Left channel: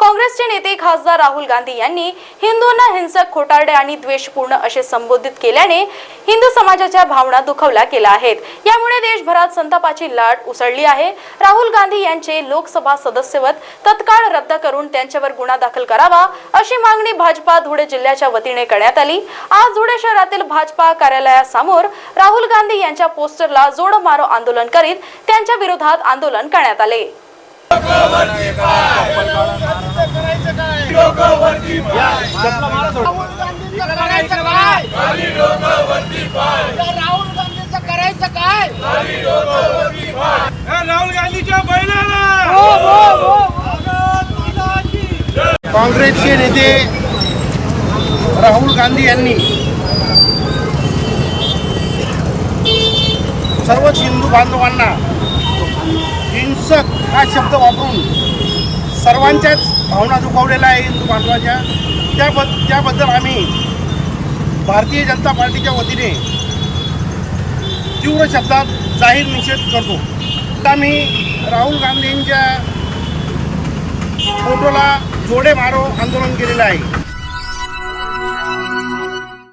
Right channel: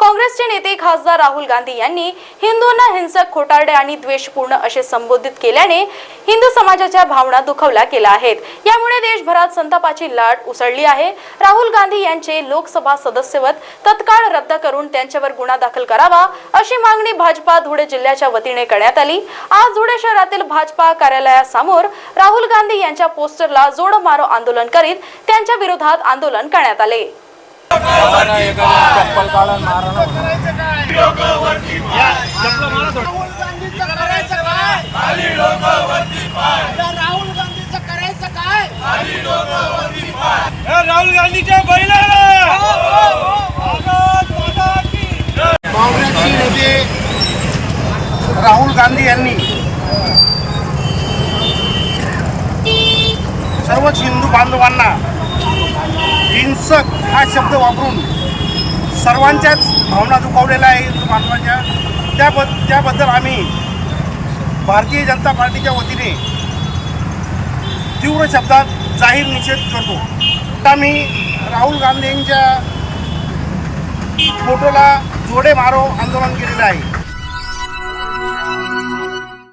काँग्रेसचे नेते खासदार राहुल गांधी यांनी हिंदूंना हिंसक खोटारडे आणि द्वेषपूर्ण असे संबोधित केल्याने हिंदू समाजाच्या भावना दुखवल्या गेल्या आहेत. यामुळे देशभरात संतापाची लाट उसळली आहे. राहुल गांधी यांचे लोकसभा सदस्यवत तत्काळ रद्द करून त्यांच्यावर गुन्हा दाखल करावा अशी मागणी भाजपा धुळे जिल्ह्याच्या वतीने करण्यात आली. आज धुळे शहरातील भाजपा कार्यालयासमोर राहुल गांधी यांच्या पोस्टरला जोडमारो आंदोलन करीत त्यांच्या विरोधात आंदोलन करण्यात आले. राहुल गांधीच्या बैलाला! काँग्रेसचे नेते राहुल गांधी यांनी सर्वच हिंदू बांधवांना हिंसक हा शब्द वापरून सर्वांच्याच भावना दुखावलेल्या आहे हिंदू बांधवाच्या. त्याबद्द त्याबद्दल आम्ही भारतीय जनता पार्टीच्या वतीने तीव्र शब्दात जाहीर निषेध करतो. आता मी राहुल गांधींच्या फोटोला जोडे मारो आंदोलन केलेलं आहे.